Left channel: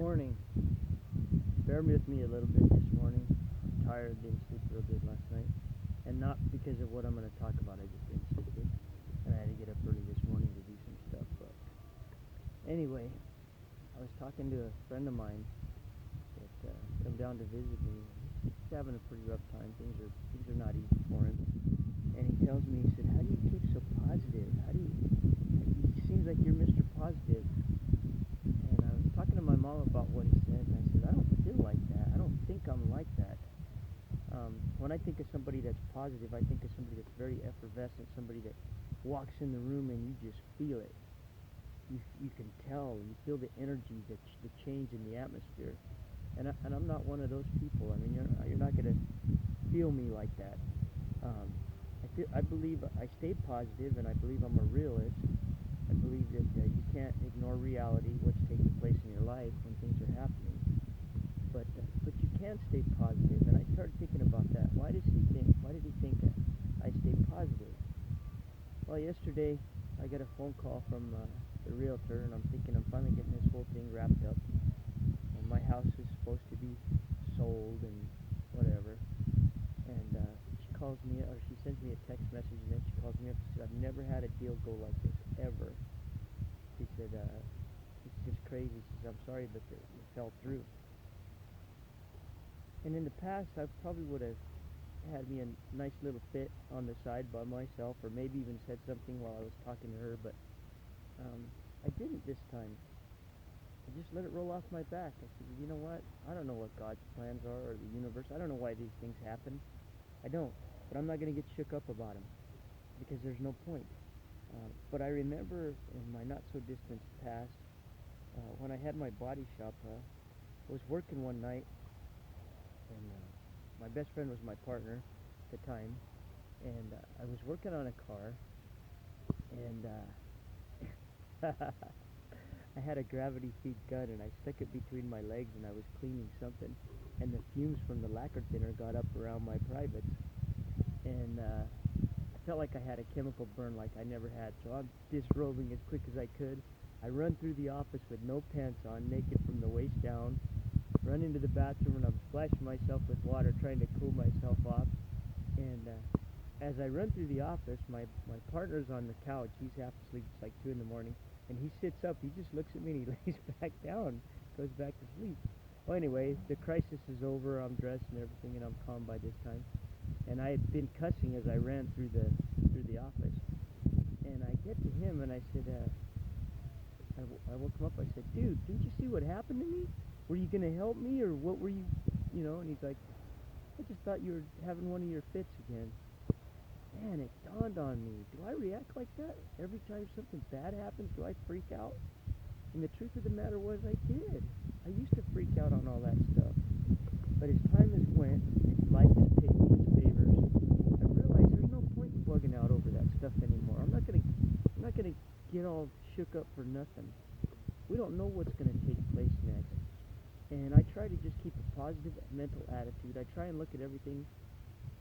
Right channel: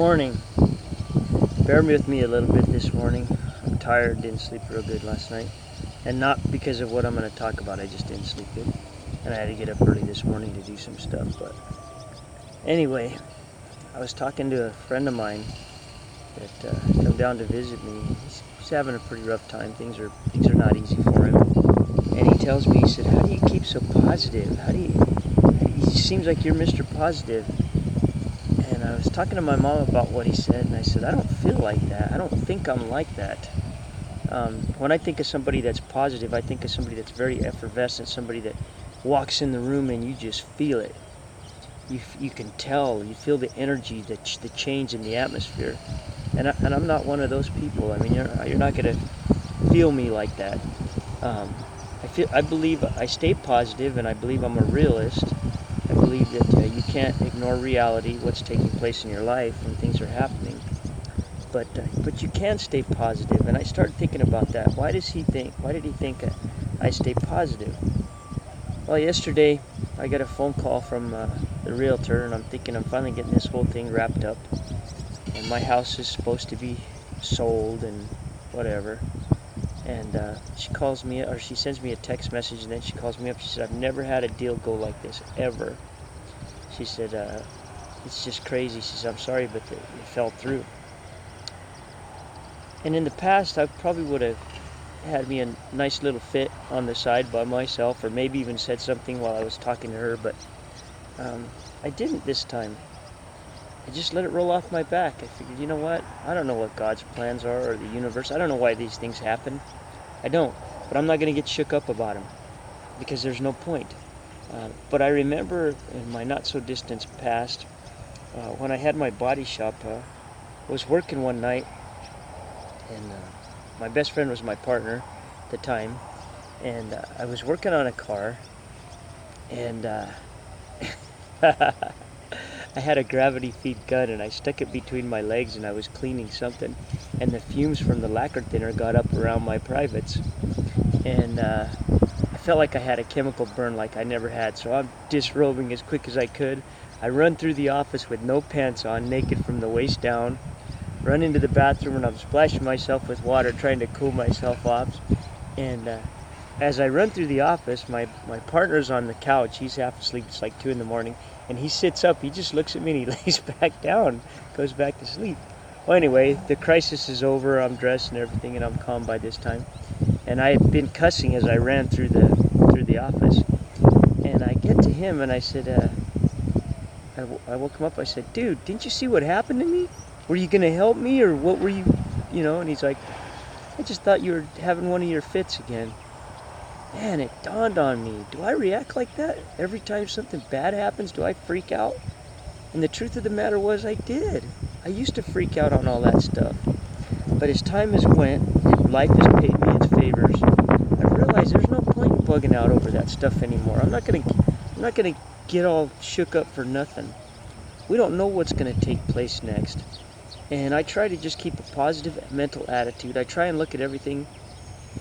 morning. Bear with me a little bit this morning. I'm tired, didn't sleep real good last night. And not because of what I'm going to talk about, I just didn't sleep good. And I had to get up early this morning to do some stuff. But anyway, I was talking to a friend of mine that come down to visit me. He's having a pretty rough time. Things are not easy for him. And he tells me, he said, "How do you keep so positive? He seems like you're Mr. Positive." And I was talking to my mom about what he said, and I said, "I don't feel like that. I don't think I'm like that." When I think of somebody that's positive, I think of somebody that's very effervescent, somebody that walks in the room and you just feel it. You can tell, you feel the energy, the change in the atmosphere. And I'm not one of those people. I mean, you're not going to feel me like that. I believe I stay positive, and I believe I'm a realist. I believe that you can't ignore reality, what's taking place in your life when things are happening. But you can stay positive, and I started thinking about that. Why did he think I stay positive? Well, yesterday I got a phone call from the realtor, and I'm thinking I'm finally getting this whole thing wrapped up. And my house is supposed to be sold and whatever. And she calls me, or she sends me a text message, and then she calls me up. She said, "I've never had a deal go like this, ever." She said, "It's just crazy." She said, "I'm sorry, but it fell through." And in the past, I probably would have had me a nice little fit on the side by myself, or maybe even said something while I was talking to her, but I didn't this time. I just let it roll off my back. I figured, you know what? I don't know what God's plans are, or the universe. I don't know why these things happen. I don't. But I'm not going to get shook up about them, because there's no point. But I remember in my not-so-distant past, when I had my body shop, I was working one night, and my best friend was my partner at the time, and I was working on a car, and I had a gravity feed gun, and I stuck it between my legs, and I was cleaning something, and the fumes from the lacquer thinner got up around my privates, and I felt like I had a chemical burn like I never had. So I'm disrobing as quick as I could. I run through the office with no pants on, naked from the waist down, run into the bathroom, and I'm splashing myself with water, trying to cool myself off. And as I run through the office, my partner's on the couch. He's half asleep. It's like 2 in the morning. And he sits up. He just looks at me and he lays back down, goes back to sleep. Well, anyway, the crisis is over. I'm dressed and everything, and I'm calm by this time. And I had been cussing as I ran through the office. And I get to him, and I said, I woke him up. I said, "Dude, didn't you see what happened to me? Were you going to help me, or what were you, And he's like, "I just thought you were having one of your fits again." Man, it dawned on me. Do I react like that every time something bad happens? Do I freak out? And the truth of the matter was, I did. I used to freak out on all that stuff. But as time has went, and life has paid me its favors, I've realized there's no point in bugging out over that stuff anymore. I'm not gonna get all shook up for nothing. We don't know what's gonna take place next. And I try to just keep a positive mental attitude. I try and look at everything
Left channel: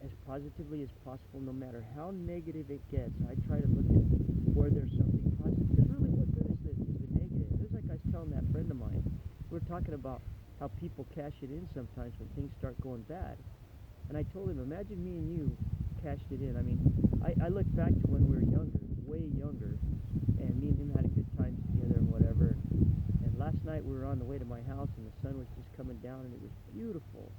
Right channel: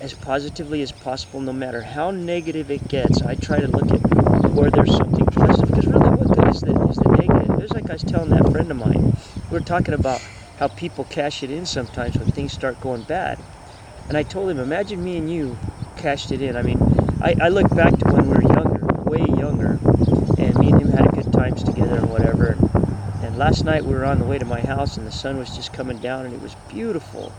as positively as possible, no matter how negative it gets. I try to look at where there's something positive, because really, what good is the negative? It's like I was telling that friend of mine. We were talking about how people cash it in sometimes when things start going bad. And I told him, imagine me and you cashed it in. I mean, I look back to when we were younger, way younger, and me and him had good times together and whatever. And last night we were on the way to my house, and the sun was just coming down, and it was beautiful.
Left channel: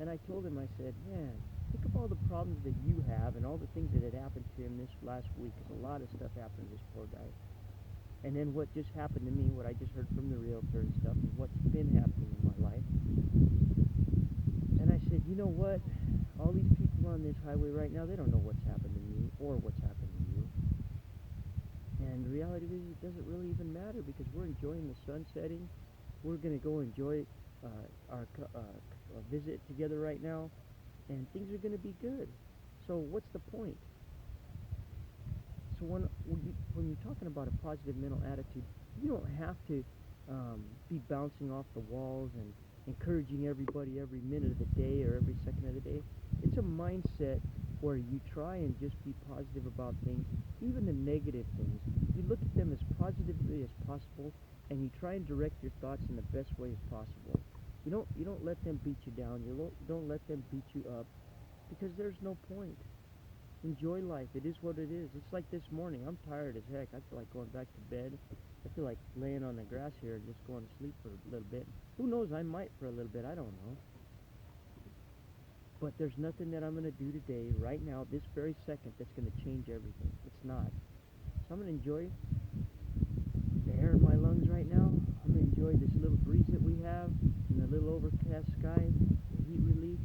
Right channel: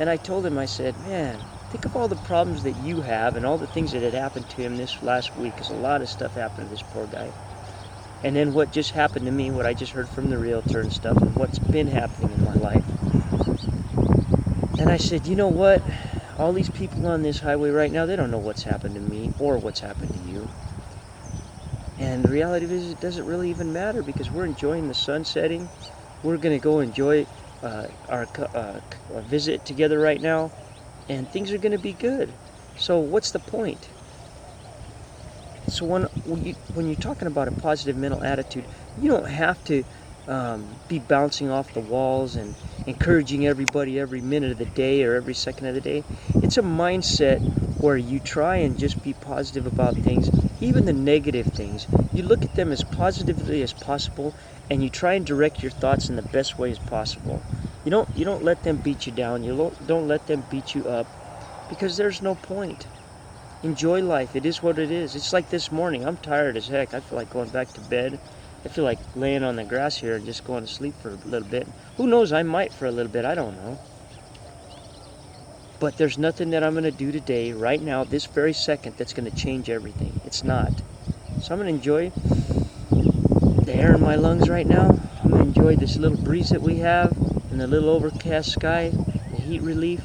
And I told him, I said, "Man, think of all the problems that you have and all the things that had happened to him this last week, because a lot of stuff happened to this poor guy. And then what just happened to me, what I just heard from the realtor and stuff, and what's been happening in my life." And I said, "You know what? All these people on this highway right now, they don't know what's happened to me or what's happened to you. And the reality is, it doesn't really even matter, because we're enjoying the sun setting. We're going to go enjoy our visit together right now, and things are going to be good. So what's the point?" So when you're talking about a positive mental attitude, you don't have to be bouncing off the walls and encouraging everybody every minute of the day or every second of the day. It's a mindset where you try and just be positive about things, even the negative things. You look at them as positively as possible, and you try and direct your thoughts in the best way as possible. You don't let them beat you down. You don't let them beat you up, because there's no point. Enjoy life. It is what it is. It's like this morning. I'm tired as heck. I feel like going back to bed. I feel like laying on the grass here and just going to sleep for a little bit. Who knows? I might for a little bit. I don't know. But there's nothing that I'm going to do today, right now, this very second, that's going to change everything. It's not. So I'm going to enjoy the air in my lungs right now. I'm going to enjoy this little breeze that we have and the little overcast sky, the heat relief.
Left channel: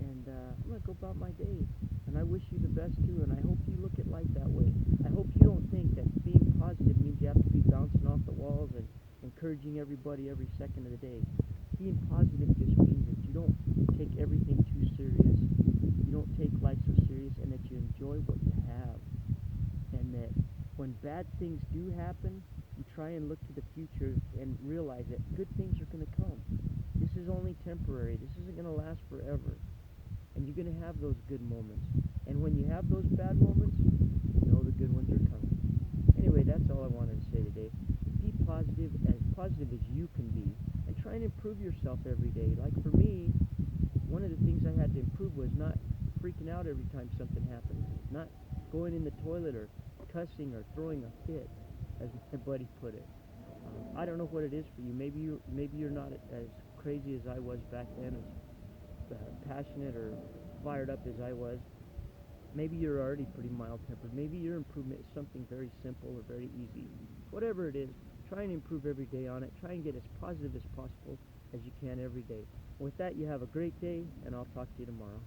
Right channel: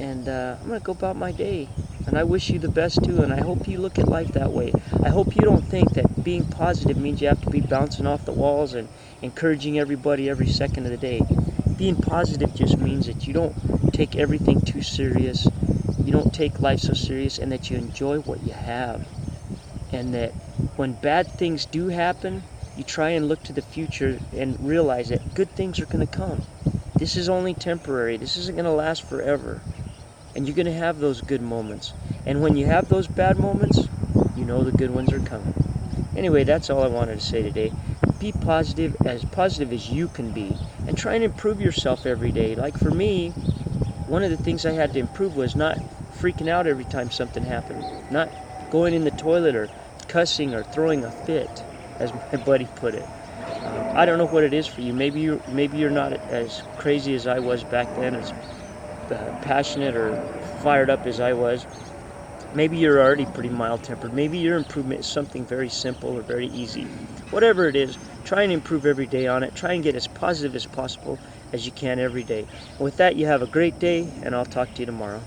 And I'm going to go about my day. And I wish you the best too, and I hope you look at life that way. I hope you don't think that being positive means you have to be bouncing off the walls and encouraging everybody every second of the day. Being positive just means that you don't take everything too serious, you don't take life so serious, and that you enjoy what you have. And that when bad things do happen, you try and look to the future and realize that good things are going to come. This is only temporary. This isn't going to last forever. And you're going to have those good moments. And when you have those bad moments, you know the good ones are coming. Anyway, that's all I wanted to say today. Be positive as you can be. And try and improve yourself every day. Like for me, one of the things I had to improve was not freaking out every time something happened. Not going in the toilet or cussing or throwing a fit, as my buddy put it. I don't know what it is for you. Maybe you're not as crazy as I was back then, as passionate or fired up as I was. Maybe you're already pretty mild-tempered. Maybe your improvement is something very simple or very easy. Whatever it is, try and improve every day on it. Try and get as positive as possible as you can every day. And with that, you have a great day, and I'll talk to you tomorrow.